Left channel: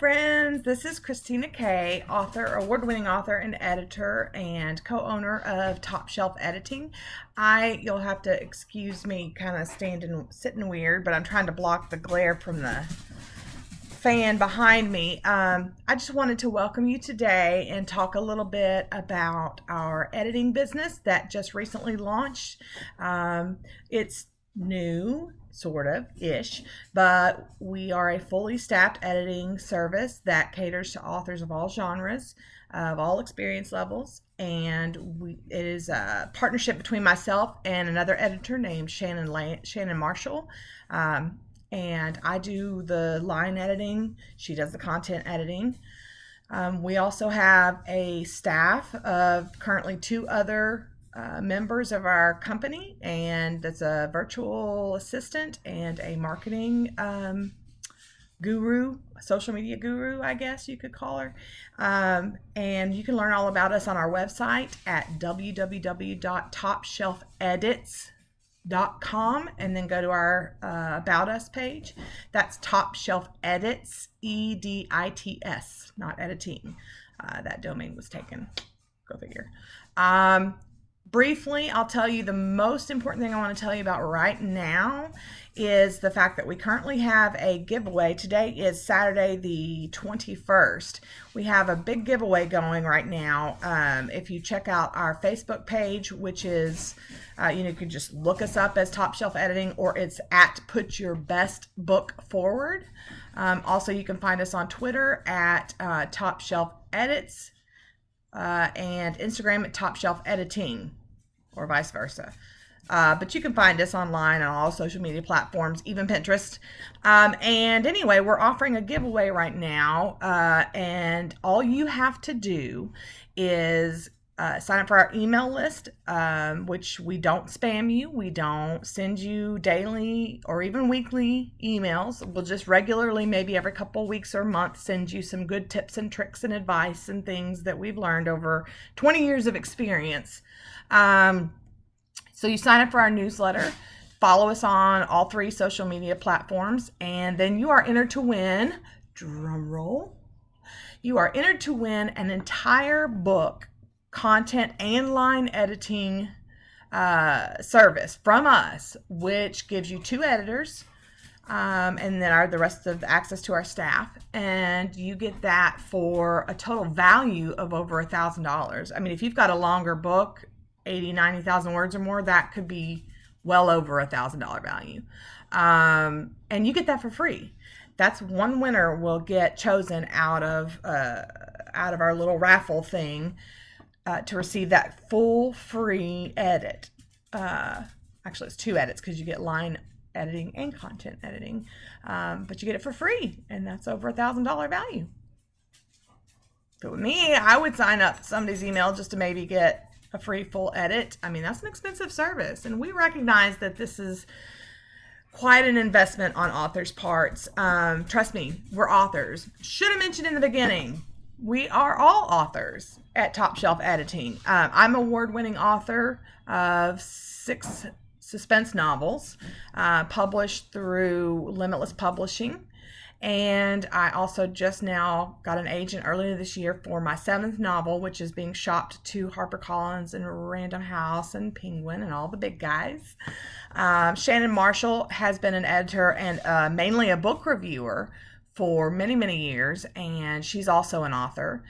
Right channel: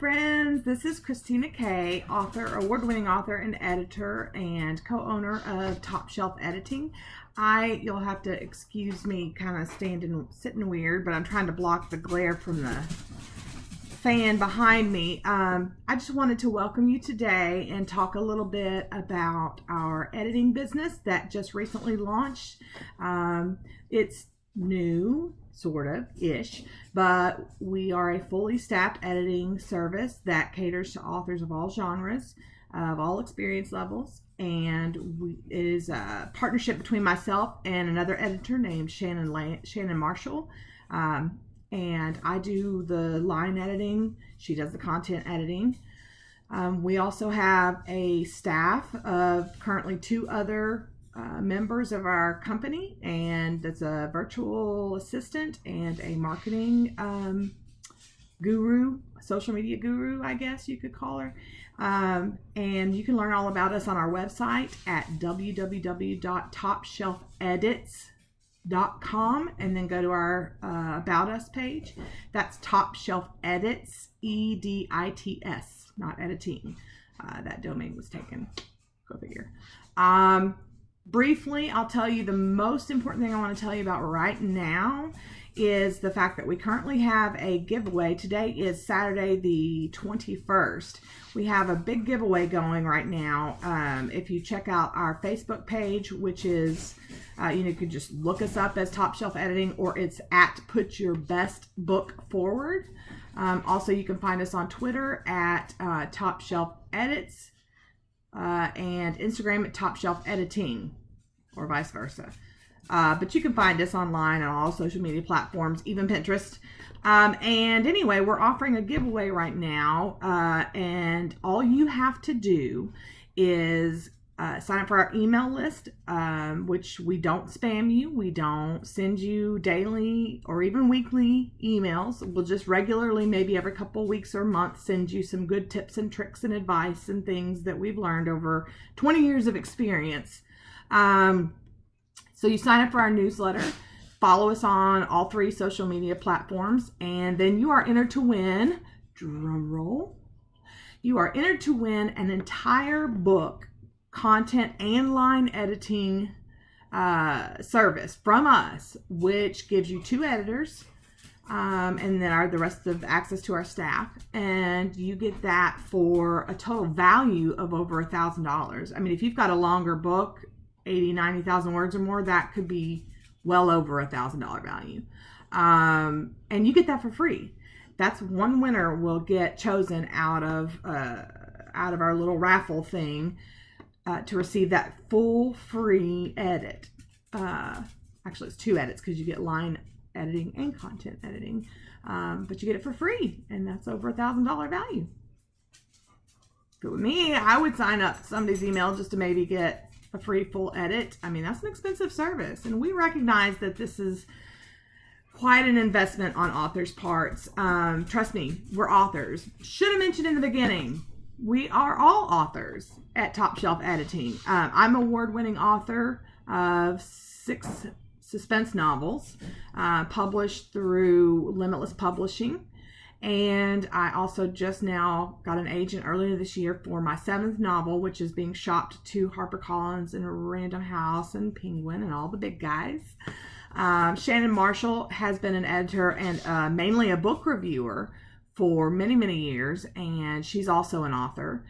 friends. This is Christina Kay, author, award-winning author and editor, and co-owner of Top Shelf Editing. You'll have to excuse me kind of sitting weird, but I'm trying to block the glare from the fan behind me. I just wanted to welcome you today and talk a little bit about our editing business that just recently launched. It's new, sort of ish, but we are a fully staffed editing service that caters to authors of all genres, of all experience levels, and it is a partnership between myself and another editor named Shannon Marshall. And I do the line editing, she does the content editing. We also have a staff of currently two other members of our company, and that's a virtual assistant and a marketing guru, a social media guru, I guess you could call her. And you can learn all about us on our website at www.topshelfedits.com, and then go to our About Us page. That's Top Shelf Edits, EDITS, not editing. That domain was taken. Go figure. Briefly, I'll tell you the most important thing I want to tell you about right now is the fact that we currently have a giveaway. Today is Saturday the 21st. We have a big giveaway going right now. If you check out our Facebook page, which is, you can just look us up as Top Shelf Editing, or it's at Put Your Best Book Forward. Also, you can find us on Twitter at Top Shelf Edits and Instagram at Top Shelf Editing, or vice versa. But you can find us online on all social media platforms, even Pinterest. And anyway, we're offering a giveaway right now. And all you have to do is sign up for our email list, which we don't spam you. We don't send you daily or even weekly emails. We'll just regularly, maybe every couple weeks or months, send you some good tips and tricks and advice and things that we've learned over 20 years of experience. So you sign up for our newsletter, follow us on all three social media platforms, and then you are entered to win, drum roll, you are entered to win an entire book, content and line editing service from us, which gives you two editors, and then the rest of access to our staff, and you get that for a total value of over $1,000. I mean, if you've got a longer book, 90,000 words or more, that could be well over $1,000 value. And you get that for free. That's one winner will get chosen out of our little raffle thing to receive that full free edit. Actually, it's two edits because you get line editing and content editing, but you get it for free, and that's over $1,000 value. If it were me, I would sign up somebody's email just to maybe get a free full edit. I mean, that's an expensive service, and we recognize that this is quite an investment on authors' parts. Trust me, we're authors. Should have mentioned in the beginning, we are all authors at Top Shelf Editing. I'm an award-winning author of 6 suspense novels, published through Limitless Publishing. And I also just now got an agent earlier this year for my 7th novel, which is being shopped to HarperCollins and Random House and Penguin and all the big guys. Shannon Marshall has been an editor and mainly a book reviewer for many, many years, and she's also an author.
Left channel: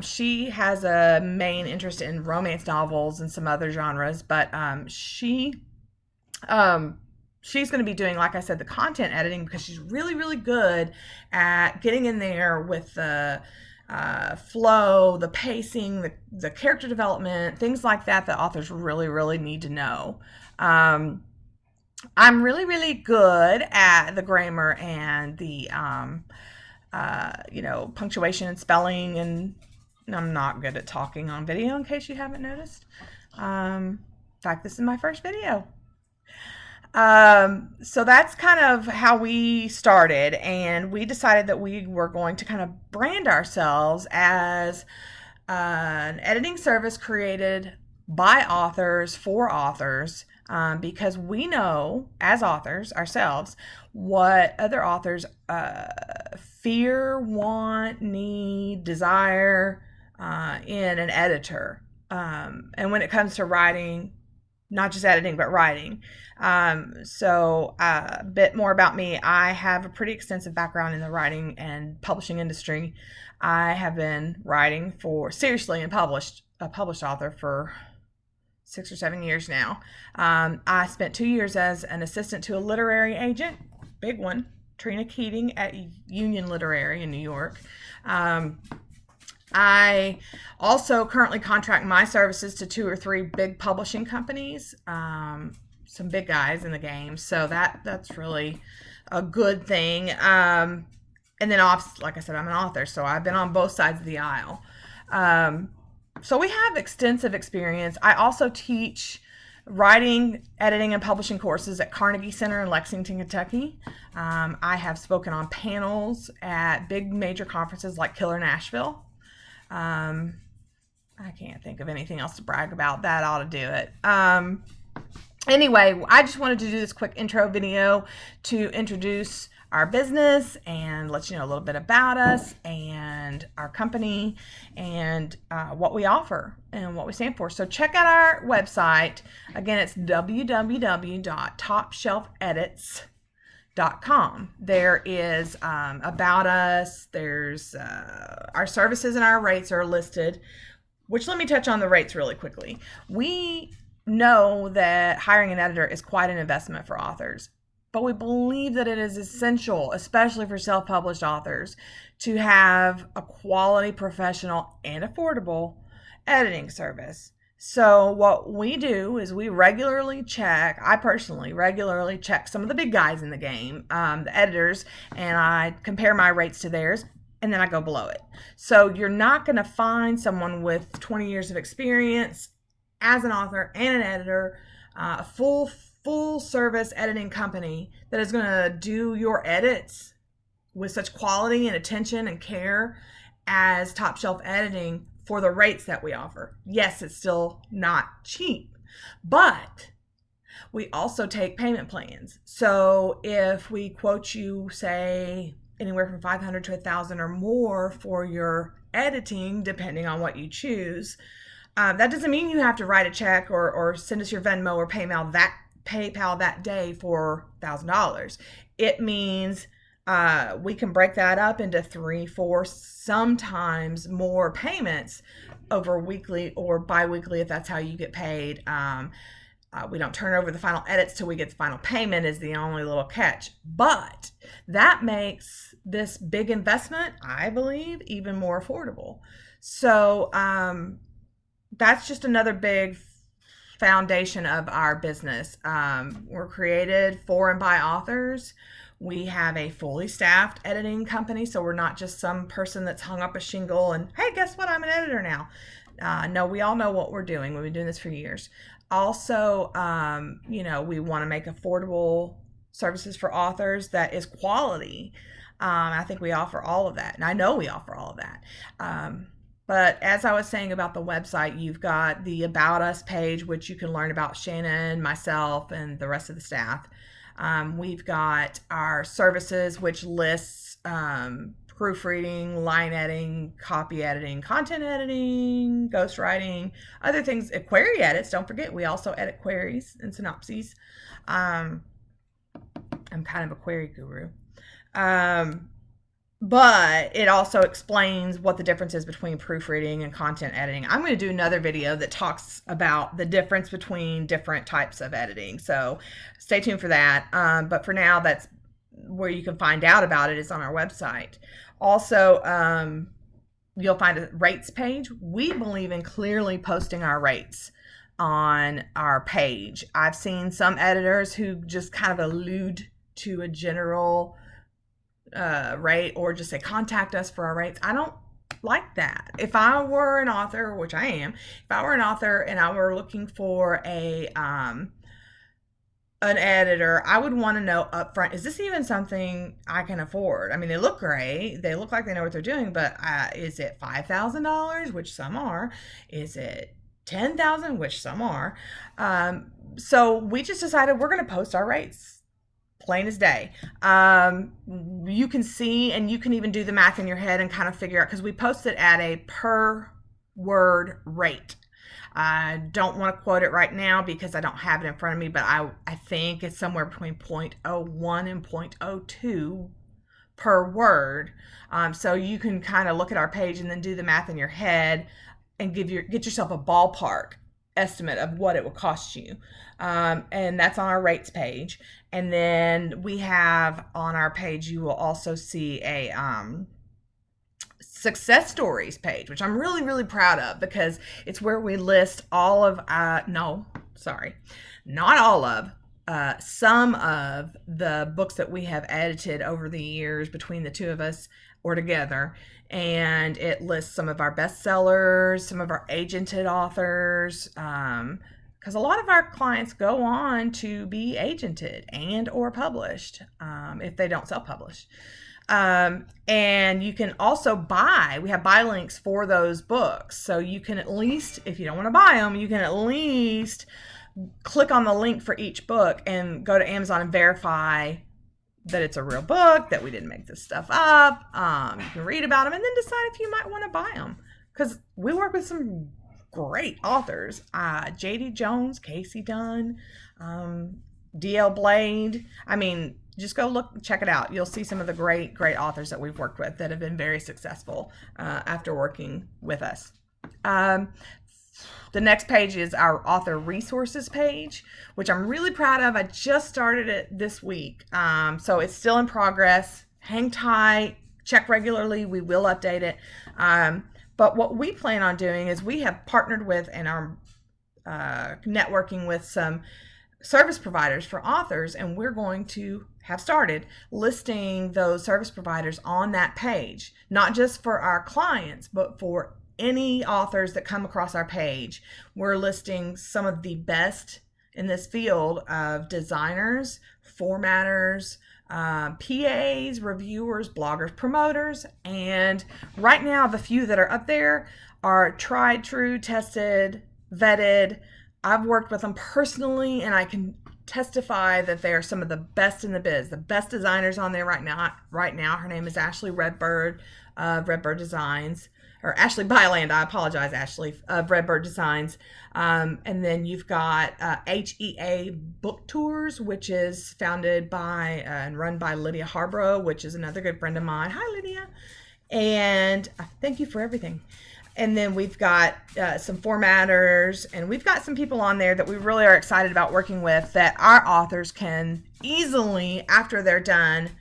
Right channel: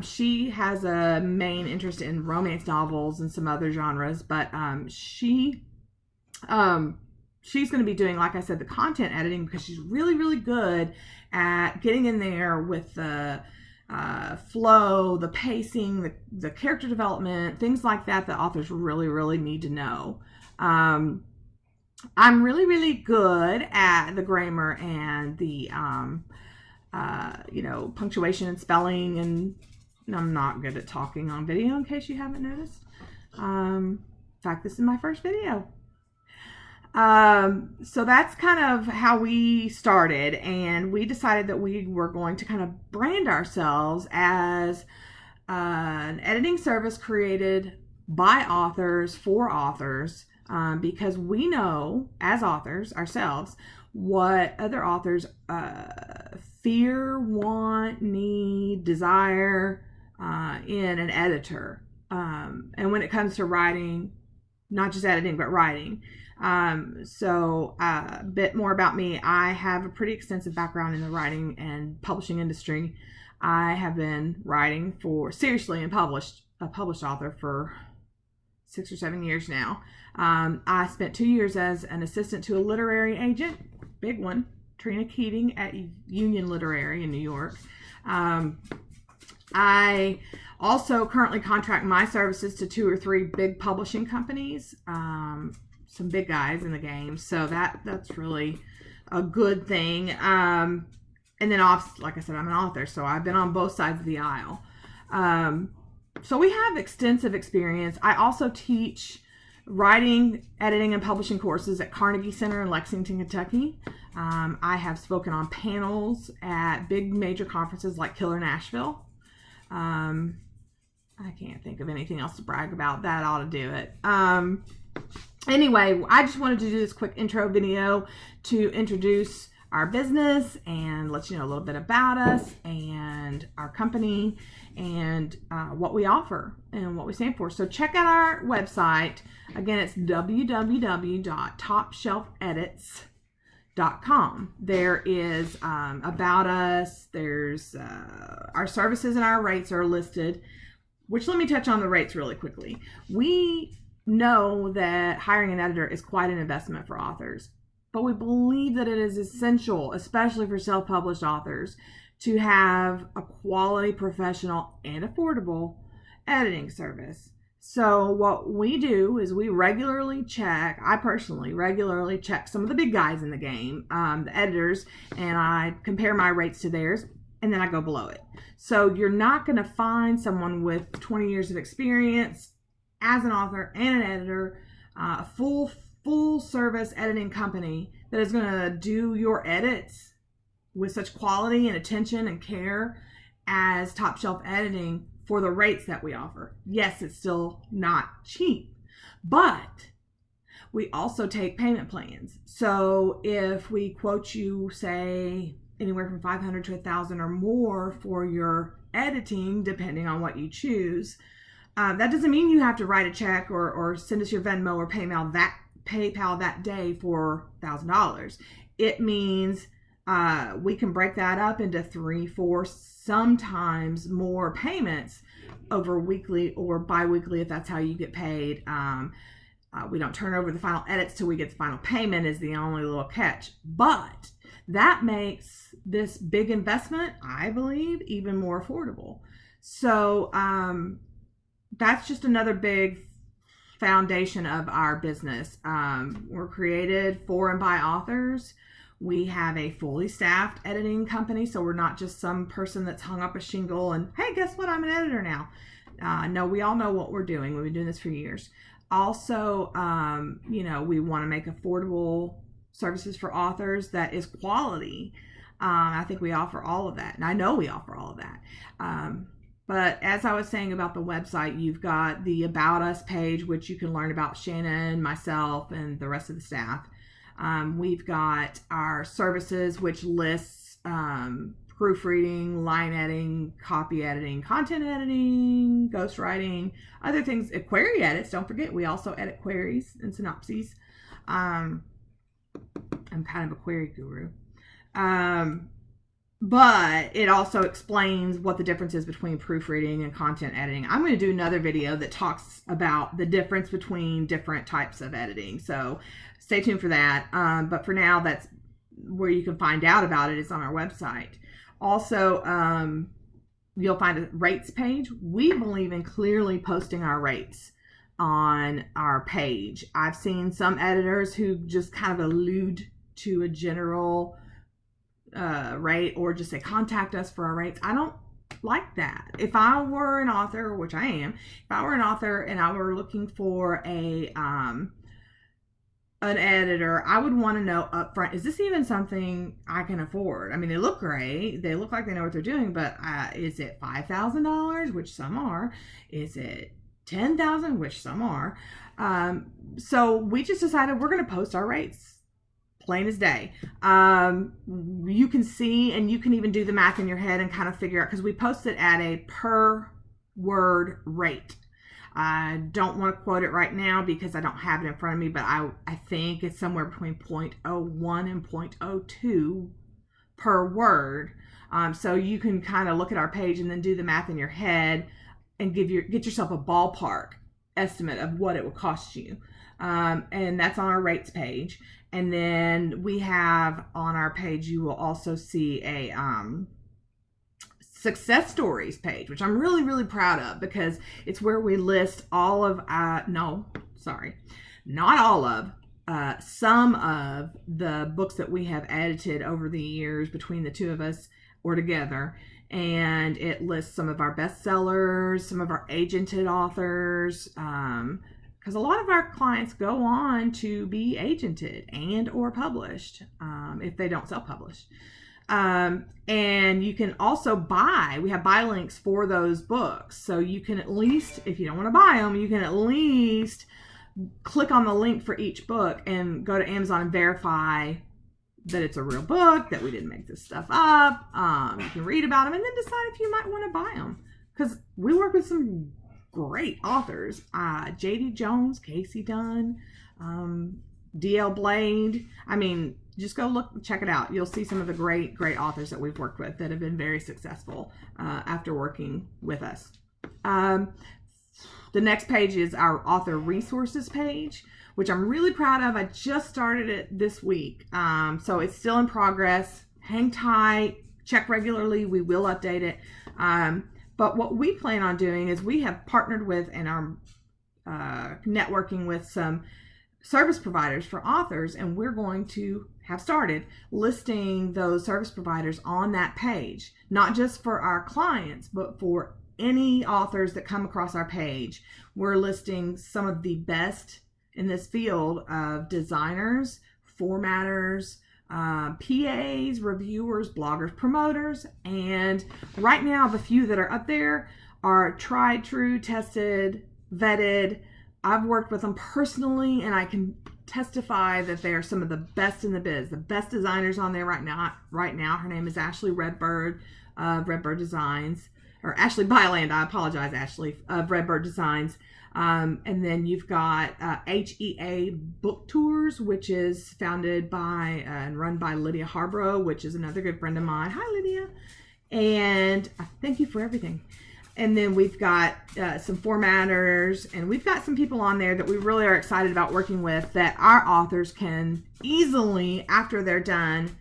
She has a main interest in romance novels and some other genres, but she's going to be doing, like I said, the content editing, because she's really, really good at getting in there with the flow, the pacing, the character development, things like that authors really, really need to know. I'm really, really good at the grammar and the, punctuation and spelling, and I'm not good at talking on video, in case you haven't noticed. In fact, this is my first video. So that's kind of how we started, and we decided that we were going to kind of brand ourselves as an editing service created by authors for authors, because we know as authors ourselves what other authors fear, want, need, desire in an editor. And when it comes to writing, not just editing, but writing. So a bit more about me. I have a pretty extensive background in the writing and publishing industry. I have been writing seriously and a published author for 6 or 7 years now. I spent 2 years as an assistant to a literary agent, big one, Trina Keating at Union Literary in New York. I also currently contract my services to 2 or 3 big publishing companies, some big guys in the game. So that's really a good thing. And then, like I said, I'm an author, so I've been on both sides of the aisle. So we have extensive experience. I also teach writing, editing, and publishing courses at Carnegie Center in Lexington, Kentucky. I have spoken on panels at big major conferences like Killer Nashville. I can't think of anything else to brag about. That ought to do it. Anyway, I just wanted to do this quick intro video to introduce our business and let you know a little bit about us and our company and what we offer and what we stand for. So check out our website. Again, it's www.topshelfedits.com. There is about us. There's our services and our rates are listed, which let me touch on the rates really quickly. We know that hiring an editor is quite an investment for authors, but we believe that it is essential, especially for self-published authors, to have a quality, professional, and affordable editing service. So what we do is I personally regularly check some of the big guys in the game, the editors, and I compare my rates to theirs, and then I go below it. So you're not going to find someone with 20 years of experience as an author and an editor, a full service editing company that is going to do your edits with such quality and attention and care as Top Shelf Editing for the rates that we offer. Yes, it's still not cheap, but we also take payment plans. So if we quote you, say, anywhere from $500 to $1,000 or more for your editing, depending on what you choose, that doesn't mean you have to write a check or send us your Venmo or PayPal that day for $1,000. It means we can break that up into 3, 4, sometimes more payments over weekly or bi-weekly if that's how you get paid. We don't turn over the final edits till we get the final payment is the only little catch. But that makes this big investment, I believe, even more affordable. So that's just another big foundation of our business. We're created for and by authors. We have a fully staffed editing company, so we're not just some person that's hung up a shingle and, hey, guess what? I'm an editor now. No, we all know what we're doing. We've been doing this for years. Also, we want to make affordable services for authors that is quality. I think we offer all of that, and I know we offer all of that. But as I was saying about the website, you've got the About Us page, which you can learn about Shannon, myself, and the rest of the staff. We've got our services, which lists proofreading, line editing, copy editing, content editing, ghostwriting, other things, query edits. Don't forget, we also edit queries and synopses. I'm kind of a query guru. But it also explains what the difference is between proofreading and content editing. I'm going to do another video that talks about the difference between different types of editing. So stay tuned for that. But for now, that's where you can find out about it is on our website. Also, you'll find a rates page. We believe in clearly posting our rates on our page. I've seen some editors who just kind of allude to a general rate or just say contact us for our rates. I don't like that. If I were an author, which I am, if I were an author and I were looking for an editor, I would want to know upfront, is this even something I can afford? I mean, they look great. They look like they know what they're doing, but is it $5,000, which some are? Is it $10,000, which some are? So we just decided we're going to post our rates plain as day. You can see, and you can even do the math in your head and kind of figure out, because we post it at a per word rate. I don't want to quote it right now because I don't have it in front of me, but I think it's somewhere between 0.01 and 0.02 per word. So you can kind of look at our page and then do the math in your head and get yourself a ballpark estimate of what it will cost you. And that's on our rates page. And then we have on our page, you will also see a success stories page, which I'm really, really proud of, because it's where we list all of, not all of, some of the books that we have edited over the years between the two of us or together. And it lists some of our bestsellers, some of our agented authors, because a lot of our clients go on to be agented and or published if they don't self-publish. And you can also we have buy links for those books. So you can at least, if you don't want to buy them, you can at least click on the link for each book and go to Amazon and verify that it's a real book, that we didn't make this stuff up. You can read about them and then decide if you might want to buy them, because we work with some great authors. J.D. Jones, Casey Dunn, D.L. Blade. I mean, just go check it out. You'll see some of the great authors that we've worked with that have been very successful after working with us. The next page is our author resources page, which I'm really proud of. I just started it this week. So it's still in progress. Hang tight, check regularly. We will update it. But what we plan on doing is we have partnered with and are networking with some service providers for authors, and we're going to have started listing those service providers on that page, not just for our clients, but for any authors that come across our page. We're listing some of the best in this field of designers, formatters, PAs, reviewers, bloggers, promoters, and right now the few that are up there are tried, true, tested, vetted. I've worked with them personally, and I can testify that they are some of the best in the biz, the best designers on there right now. Her name is Ashley Redbird of Redbird Designs, or Ashley Byland, I apologize, Ashley, of Redbird Designs. And then you've got HEA Book Tours, which is founded by and run by Lydia Harborough, which is another good friend of mine. Hi, Lydia. And thank you for everything. And then we've got some formatters, and we've got some people on there that we really are excited about working with, that our authors can easily, after they're done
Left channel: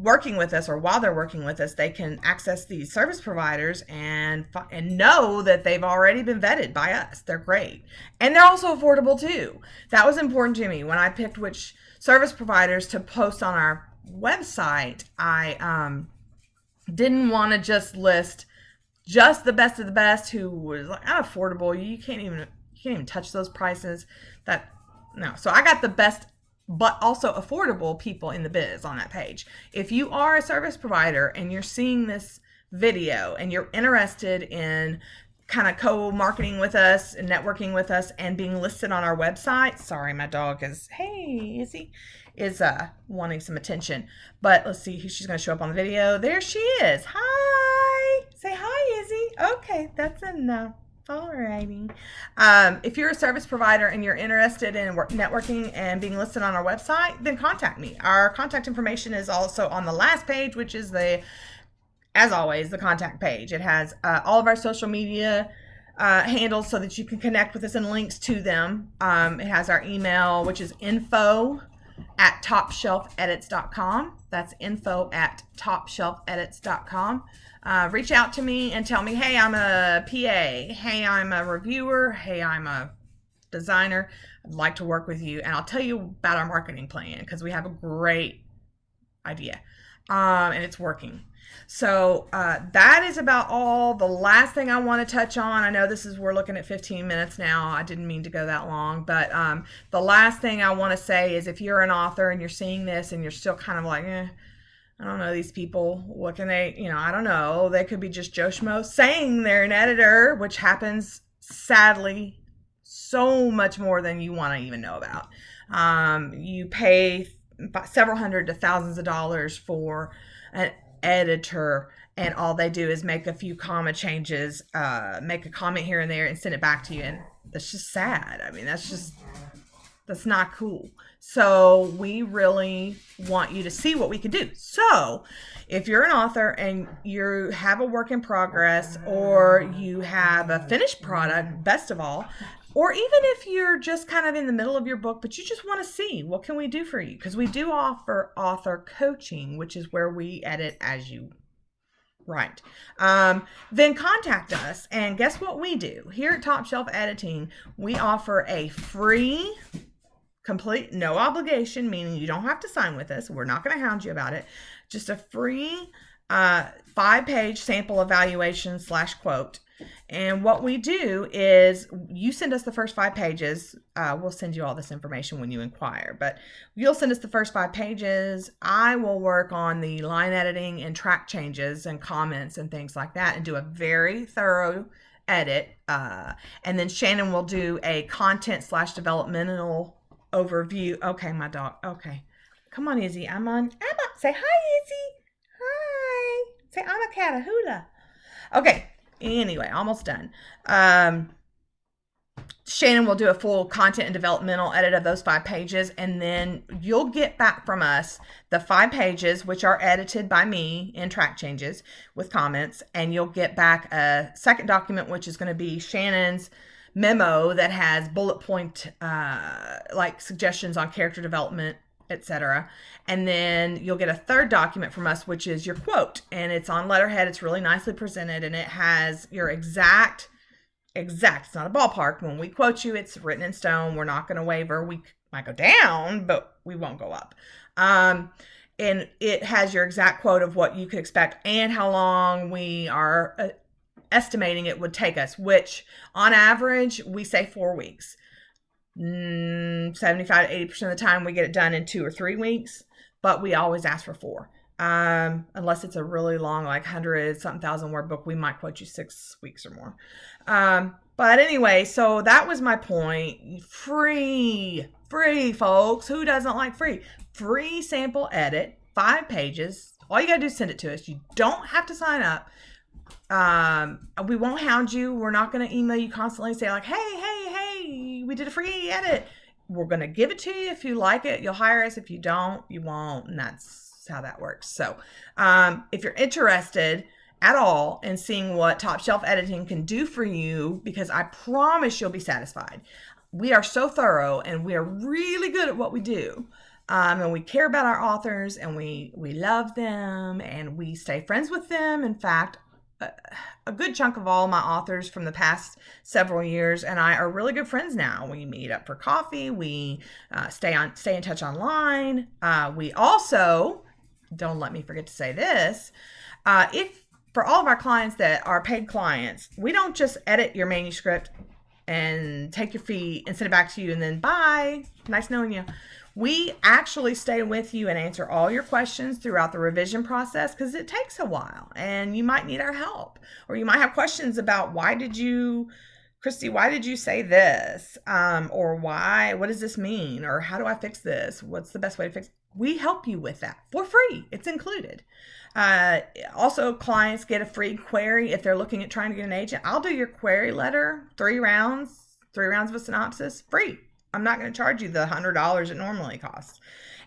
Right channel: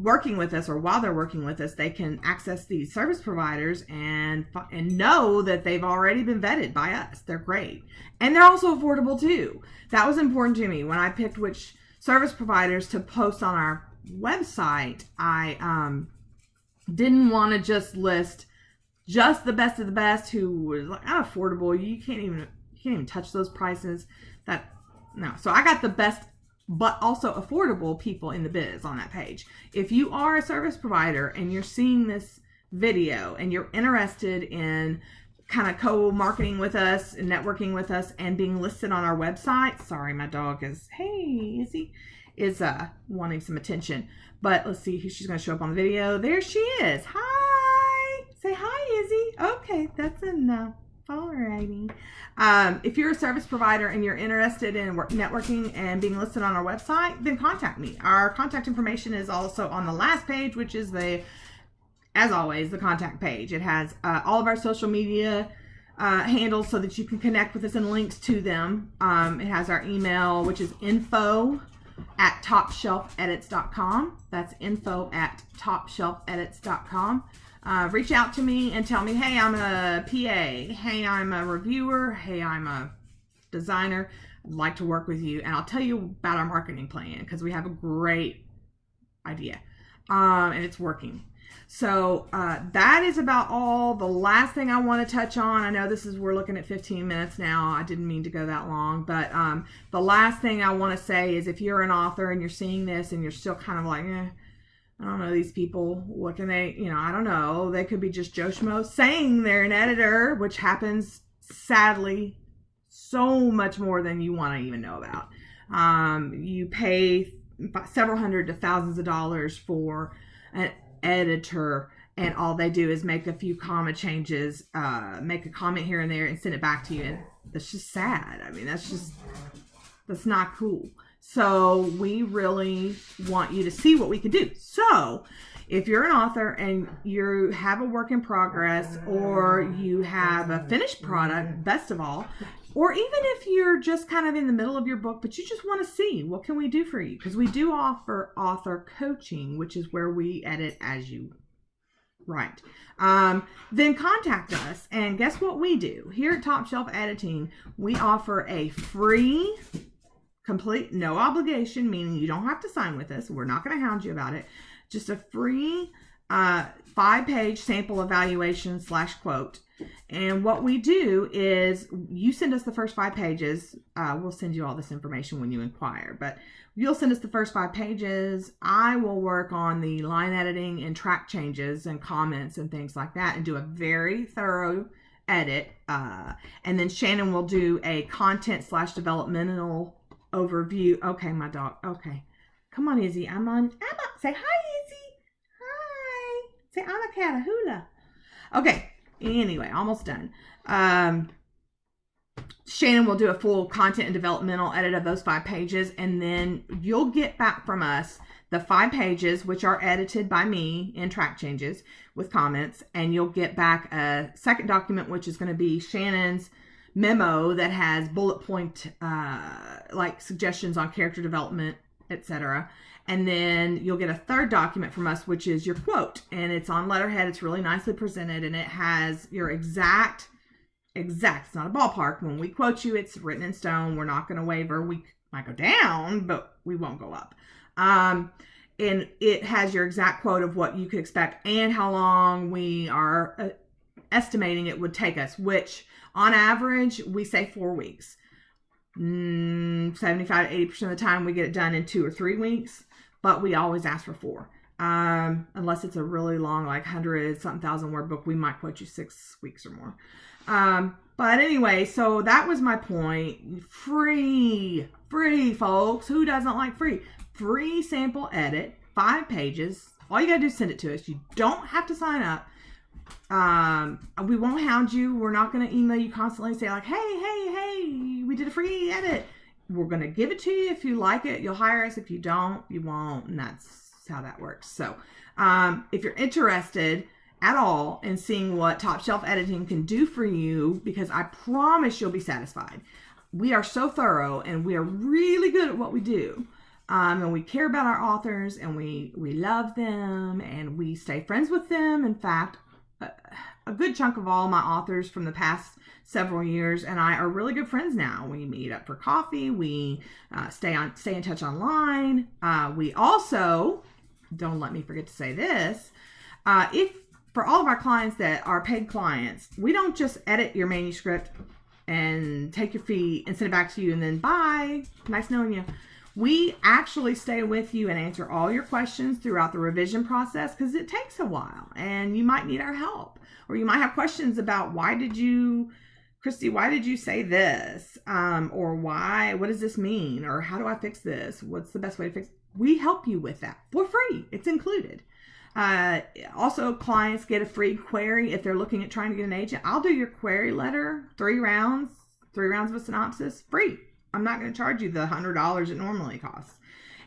working with us or while they're working with us, they can access these service providers and know that they've already been vetted by us. They're great. And they're also affordable too. That was important to me when I picked which service providers to post on our website. I didn't want to just list just the best of the best who was like unaffordable. You can't even touch those prices. So I got the best but also affordable people in the biz on that page. If you are a service provider and you're seeing this video and you're interested in kind of co-marketing with us and networking with us and being listed on our website, sorry, my dog is wanting some attention, but let's see, she's going to show up on the video. There she is. Hi, say hi, Izzy. Okay, that's enough. Alrighty. If you're a service provider and you're interested in networking and being listed on our website, then contact me. Our contact information is also on the last page, which is as always, the contact page. It has all of our social media handles so that you can connect with us and links to them. It has our email, which is info@topshelfedits.com. That's info@topshelfedits.com. Reach out to me and tell me, hey, I'm a PA. Hey, I'm a reviewer. Hey, I'm a designer. I'd like to work with you. And I'll tell you about our marketing plan, because we have a great idea. And it's working. So that is about all. The last thing I want to touch on, I know we're looking at 15 minutes now. I didn't mean to go that long, but the last thing I want to say is, if you're an author and you're seeing this and you're still kind of like, I don't know these people, what can they, I don't know. They could be just Joe Schmo saying they're an editor, which happens sadly so much more than you want to even know about. You pay several hundred to thousands of dollars for an editor, and all they do is make a few comma changes, make a comment here and there, and send it back to you. And that's just sad. I mean, that's not cool. So we really want you to see what we can do. So if you're an author and you have a work in progress, or you have a finished product, best of all, or even if you're just kind of in the middle of your book, but you just want to see what can we do for you, because we do offer author coaching, which is where we edit as you write. Then contact us, and guess what we do here at Top Shelf Editing? We offer a free, complete, no obligation, meaning you don't have to sign with us. We're not going to hound you about it. Just a free 5-page sample evaluation / quote. And what we do is you send us the first 5 pages. We'll send you all this information when you inquire, but you'll send us the first 5 pages. I will work on the line editing and track changes and comments and things like that, and do a very thorough edit. And then Shannon will do a content / developmental overview. Okay, my dog. Okay. Come on, Izzy. Emma. Say hi, Izzy. Hi. Say I'm a Catahoula. Okay. Anyway, almost done. Shannon will do a full content and developmental edit of those 5 pages, and then you'll get back from us the 5 pages, which are edited by me in track changes with comments, and you'll get back a second document, which is going to be Shannon's memo that has bullet point like suggestions on character development, etc. And then you'll get a third document from us, which is your quote, and it's on letterhead. It's really nicely presented, and it has your exact, it's not a ballpark. When we quote you, it's written in stone. We're not going to waver. We might go down, but we won't go up. And it has your exact quote of what you could expect and how long we are estimating it would take us, which on average, we say 4 weeks. 75 to 80% of the time we get it done in 2 or 3 weeks, but we always ask for 4. Unless it's a really long, like 100-something thousand word book, we might quote you 6 weeks or more. But anyway, so that was my point. Free, folks. Who doesn't like free? Free sample edit, 5 pages. All you gotta do is send it to us. You don't have to sign up. We won't hound you. We're not going to email you constantly and say like, hey, we did a free edit. We're going to give it to you. If you like it, you'll hire us. If you don't, you won't. And that's how that works. So, if you're interested at all in seeing what Top Shelf Editing can do for you, because I promise you'll be satisfied. We are so thorough, and we are really good at what we do. And we care about our authors, and we love them, and we stay friends with them. In fact, a good chunk of all my authors from the past several years and I are really good friends now. We meet up for coffee. We stay in touch online. We also, don't let me forget to say this, if for all of our clients that are paid clients, we don't just edit your manuscript and take your fee and send it back to you and then bye, nice knowing you. We actually stay with you and answer all your questions throughout the revision process, because it takes a while and you might need our help, or you might have questions about Christy, why did you say this? Or what does this mean? Or how do I fix this? What's the best way to fix it? We help you with that for free. It's included. Also, clients get a free query if they're looking at trying to get an agent. I'll do your query letter, 3 rounds of a synopsis, free. I'm not going to charge you the $100 it normally costs.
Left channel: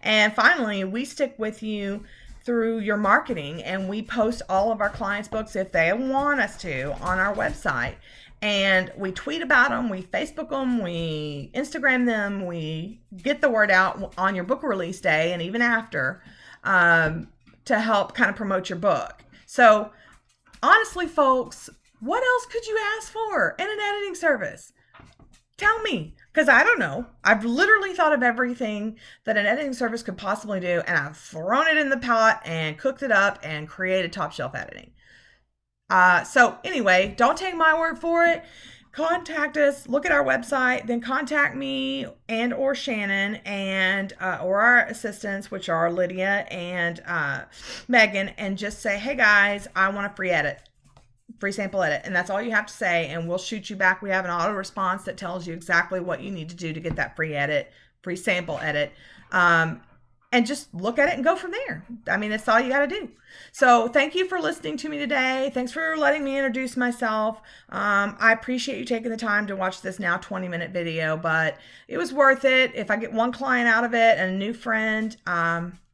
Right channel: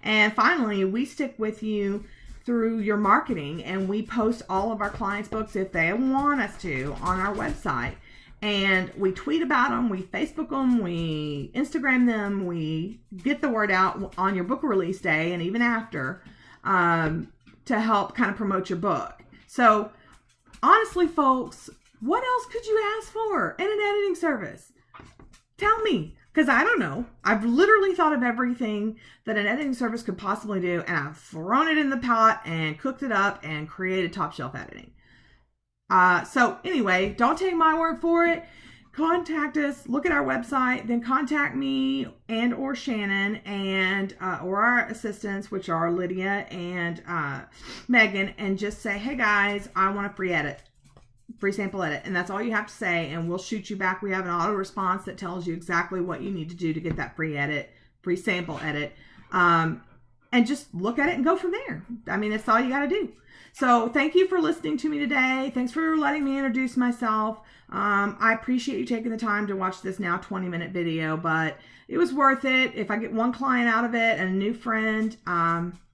And finally, we stick with you through your marketing, and we post all of our clients' books if they want us to on our website. And we tweet about them, we Facebook them, we Instagram them, we get the word out on your book release day and even after to help kind of promote your book. So honestly, folks, what else could you ask for in an editing service? Tell me, because I don't know. I've literally thought of everything that an editing service could possibly do, and I've thrown it in the pot and cooked it up and created Top Shelf Editing. So anyway, don't take my word for it. Contact us, look at our website, then contact me and or Shannon and or our assistants, which are Lydia and Megan, and just say, hey guys, I want a free sample edit. And that's all you have to say, and we'll shoot you back. We have an auto response that tells you exactly what you need to do to get that free sample edit. And and just look at it and go from there. I mean, that's all you got to do. So thank you for listening to me today. Thanks for letting me introduce myself. I appreciate you taking the time to watch this now 20-minute video, but it was worth it. If I get one client out of it and a new friend,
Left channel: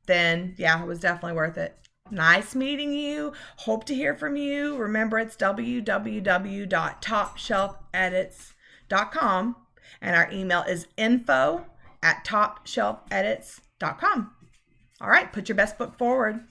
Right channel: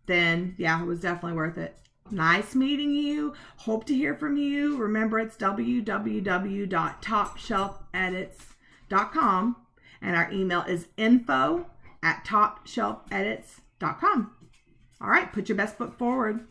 then yeah, it was definitely worth it. Nice meeting you. Hope to hear from you. Remember, it's www.topshelfedits.com, and our email is info@topshelfedits.com. All right, put your best foot forward.